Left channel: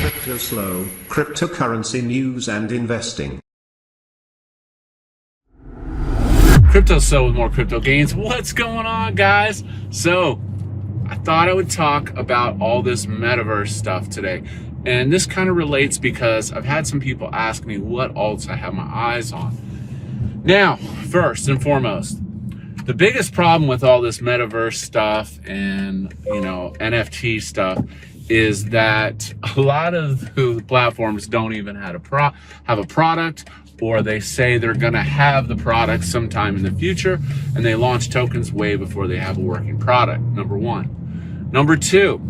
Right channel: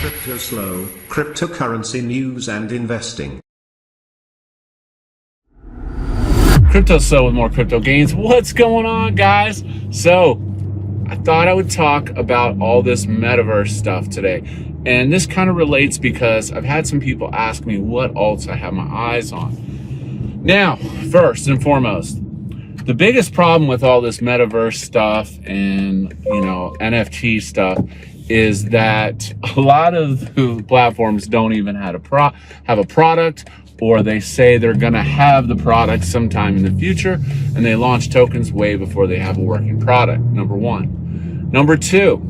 Cryptoslo, cryptocurrency news and investing. Cryptoslo with more crypto gains. What's going on, guys? So I thought I would talk about all this metaverse stuff today. And this kind of relates because I've had some people ask me what alts I have my eyes on. Now, first and foremost, the biggest problem with all this metaverse stuff and, NFT stuff is that a lot of the platforms don't even have a product, or they say they're going to have the product sometime in the future, and they launch tokens way before they have a working product, number one. Number two,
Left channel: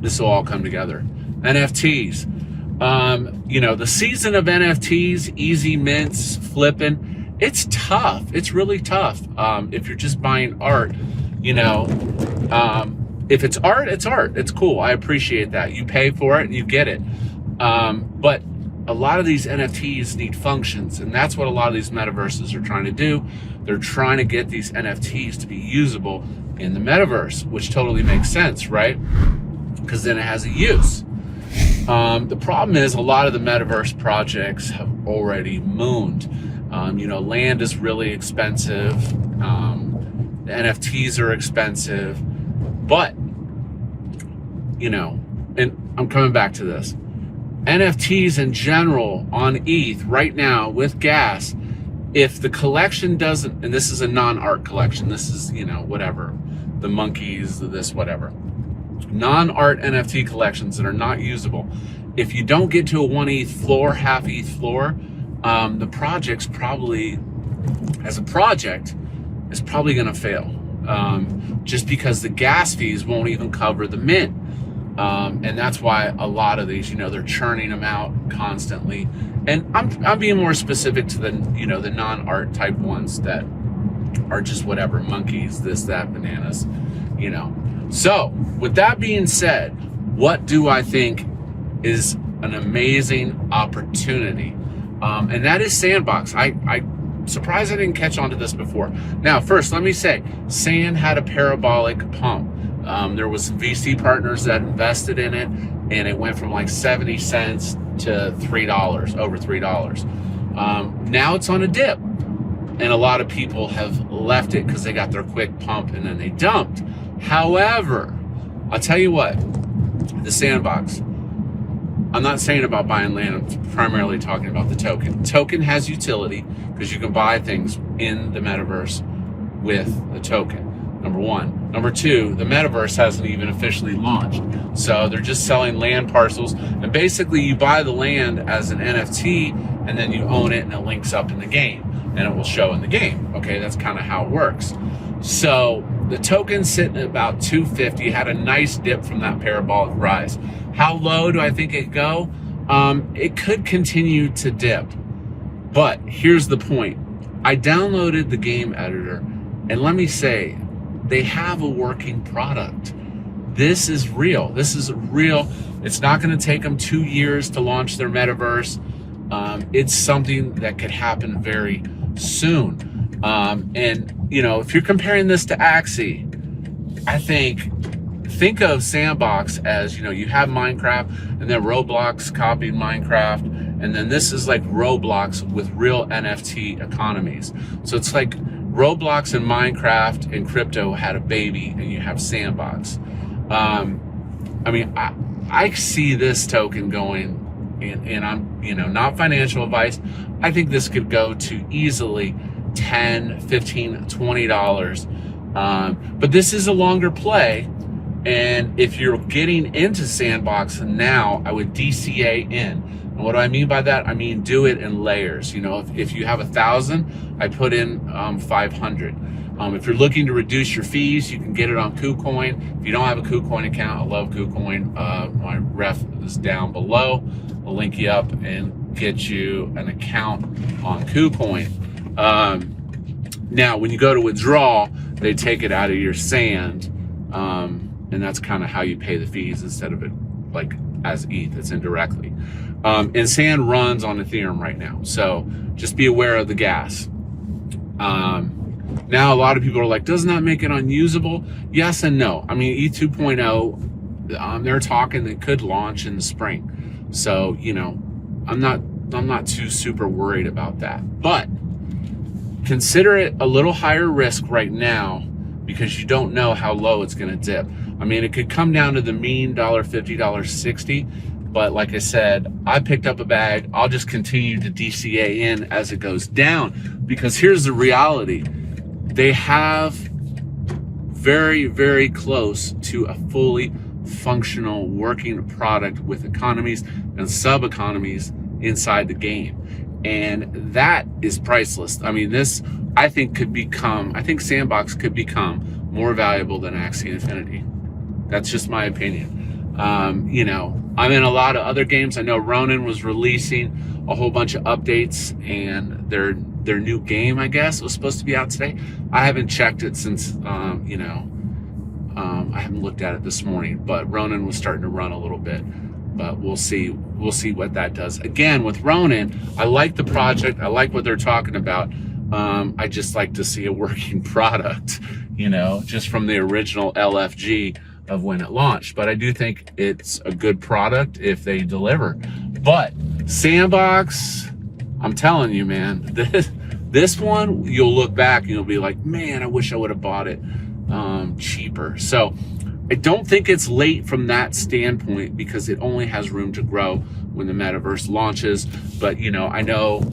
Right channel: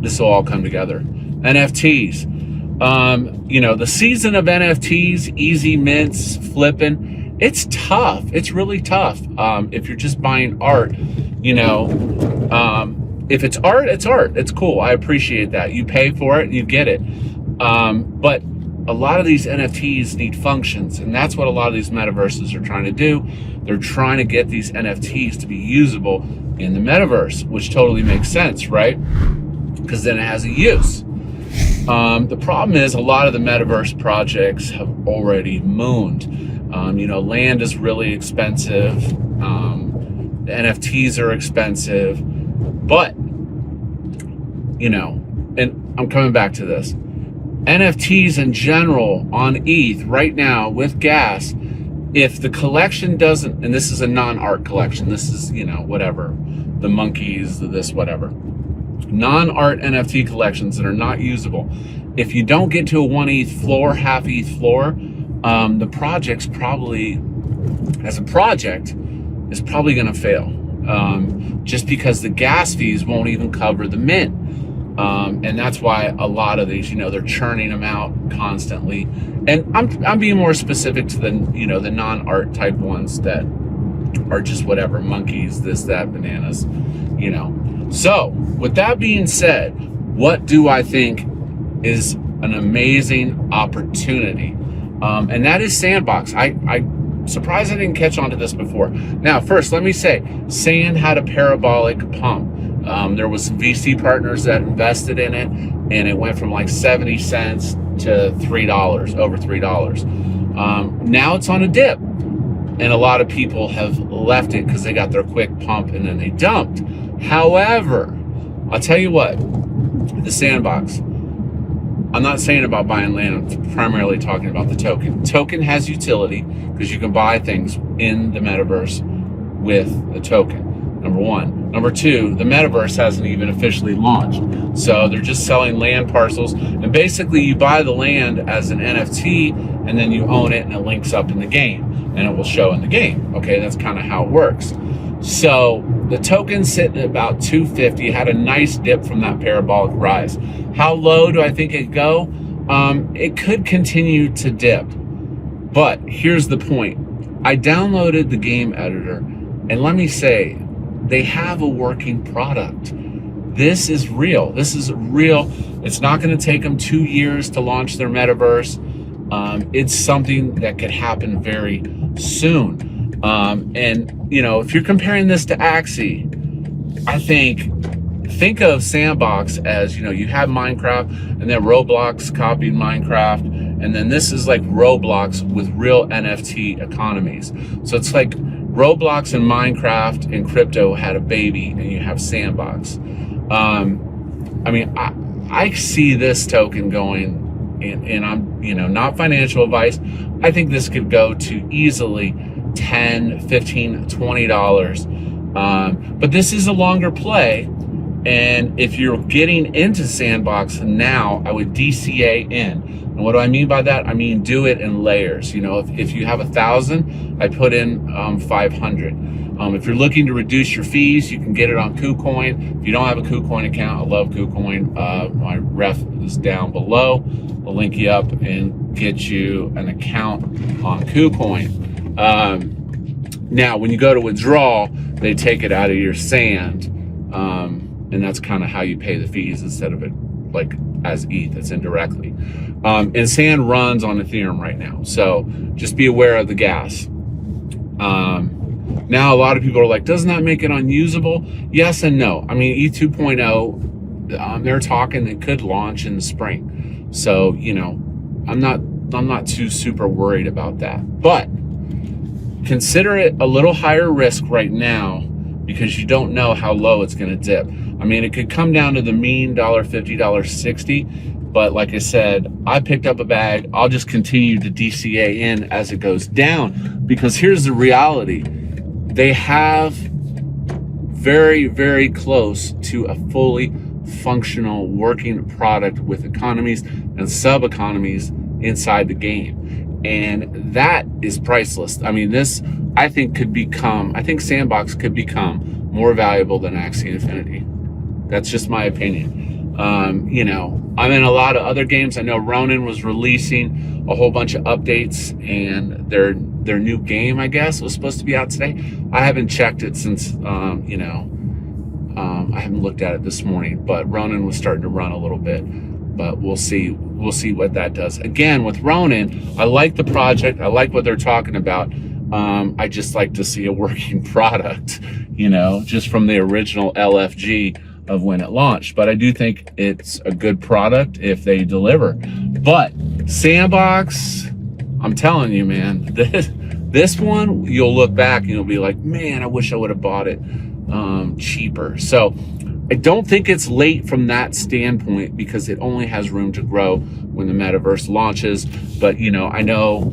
this will all come together. NFTs. The season of NFTs, easy mints, flipping, it's tough. It's really tough. If you're just buying art, if it's art, it's art. It's cool. I appreciate that. You pay for it and you get it. But a lot of these NFTs need functions, and that's what a lot of these metaverses are trying to do. They're trying to get these NFTs to be usable in the metaverse, which totally makes sense, right? Because then it has a use. The problem is a lot of the metaverse projects have already mooned. Land is really expensive. The NFTs are expensive. But, and I'm coming back to this. NFTs in general on ETH right now with gas, if the collection doesn't, and this is a non-art collection, this is, whatever, the monkeys, this, whatever. Non-art NFT collections that are not usable. If you don't get to a 1 ETH floor, half ETH floor, the project's probably, as a project, is probably going to fail. Just because the gas fees won't even cover the mint. And that's why a lot of these, they're churning them out constantly. And I'm being more specific to the, the non-art type ones that are just whatever, monkeys, this, that, bananas, So with that being said, what do I think is an amazing opportunity? And that is SandBox. I'm surprised I didn't catch on to this before. Now, first, let me say, SAND had a parabolic pump. There was some VC partners that invested in it, and it went from like 70 cents to $3, over $3. Now it's on a dip, and a lot of people have left it because they got their quick pump and then they dumped. However, I'll tell you what, the SandBox, I'm not saying about buying land, I'm primarily talking about the token. Token has utility because you can buy things in the metaverse with the token, number one. Number two, the metaverse hasn't even officially launched. So they're just selling land parcels, and basically you buy the land as an NFT and then you own it and it links up in the game and it will show in the game. Okay, that's kind of how it works. So the token's sitting at about 250, had a nice dip from that parabolic rise. How low do I think it go? It could continue to dip, but here's the point. I downloaded the game editor, and let me say, they have a working product. This is real. This is real. It's not going to take them 2 years to launch their metaverse. It's something that could happen very soon. If you're comparing this to Axie, I think of SandBox as, you have Minecraft, and then Roblox copied Minecraft, and then this is like Roblox with real NFT economies. So it's like Roblox and Minecraft and crypto had a baby, and you have SandBox. I see this token going, and I'm, not financial advice. I think this could go to easily $10, $15, $20. But this is a longer play. And if you're getting into SandBox now, I would DCA in. And what do I mean by that? I mean, do it in layers. If you have 1,000, I put in 500. If you're looking to reduce your fees, you can get it on KuCoin. If you don't have a KuCoin account, I love KuCoin. My ref is down below. I'll link you up and get you an account on KuCoin. Now, when you go to withdraw, they take it out of your SAND. And that's kind of how you pay the fees instead of it like as ETH, it's indirectly. And SAND runs on Ethereum right now. So just be aware of the gas. Now, a lot of people are like, doesn't that make it unusable? Yes and no. I mean, ETH 2.0 they're talking it could launch in the spring. So, you know, I'm not too super worried about that. But consider it a little higher risk right now because you don't know how low it's going to dip. I mean, it could come down to the mean $1.50, $1.60, but like I said, I picked up a bag. I'll just continue to DCA in as it goes down, because here's the reality. They have very, very close to a fully functional working product with economies and sub-economies inside the game. And that is priceless. I mean, this, I think SandBox could become more valuable than Axie Infinity. That's just my opinion. You know, I'm in a lot of other games. I know Ronin was releasing a whole bunch of updates, and their new game, I guess, was supposed to be out today. I haven't checked it since, you know, I haven't looked at it this morning, but Ronin was starting to run a little bit. But we'll see what that does. Again, with Ronin, I like the project. I like what they're talking about. I just like to see a working product, you know, just from the original LFG of when it launched. But I do think it's a good product if they deliver. But SandBox, I'm telling you, man, this one, you'll look back and you'll be like, man, I wish I would have bought it cheaper. So I don't think it's late from that standpoint, because it only has room to grow when the metaverse launches. But, you know, I know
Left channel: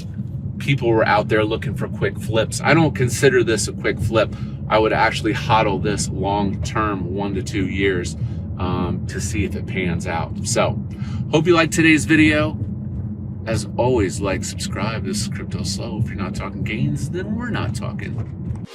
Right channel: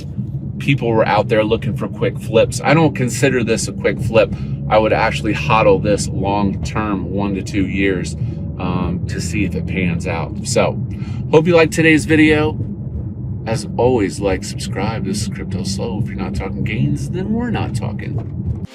people were out there looking for quick flips. I don't consider this a quick flip. I would actually hodl this long term, 1 to 2 years, to see if it pans out. So hope you liked today's video. As always, like, subscribe. This is Cryptoslo. If you're not talking gains, then we're not talking.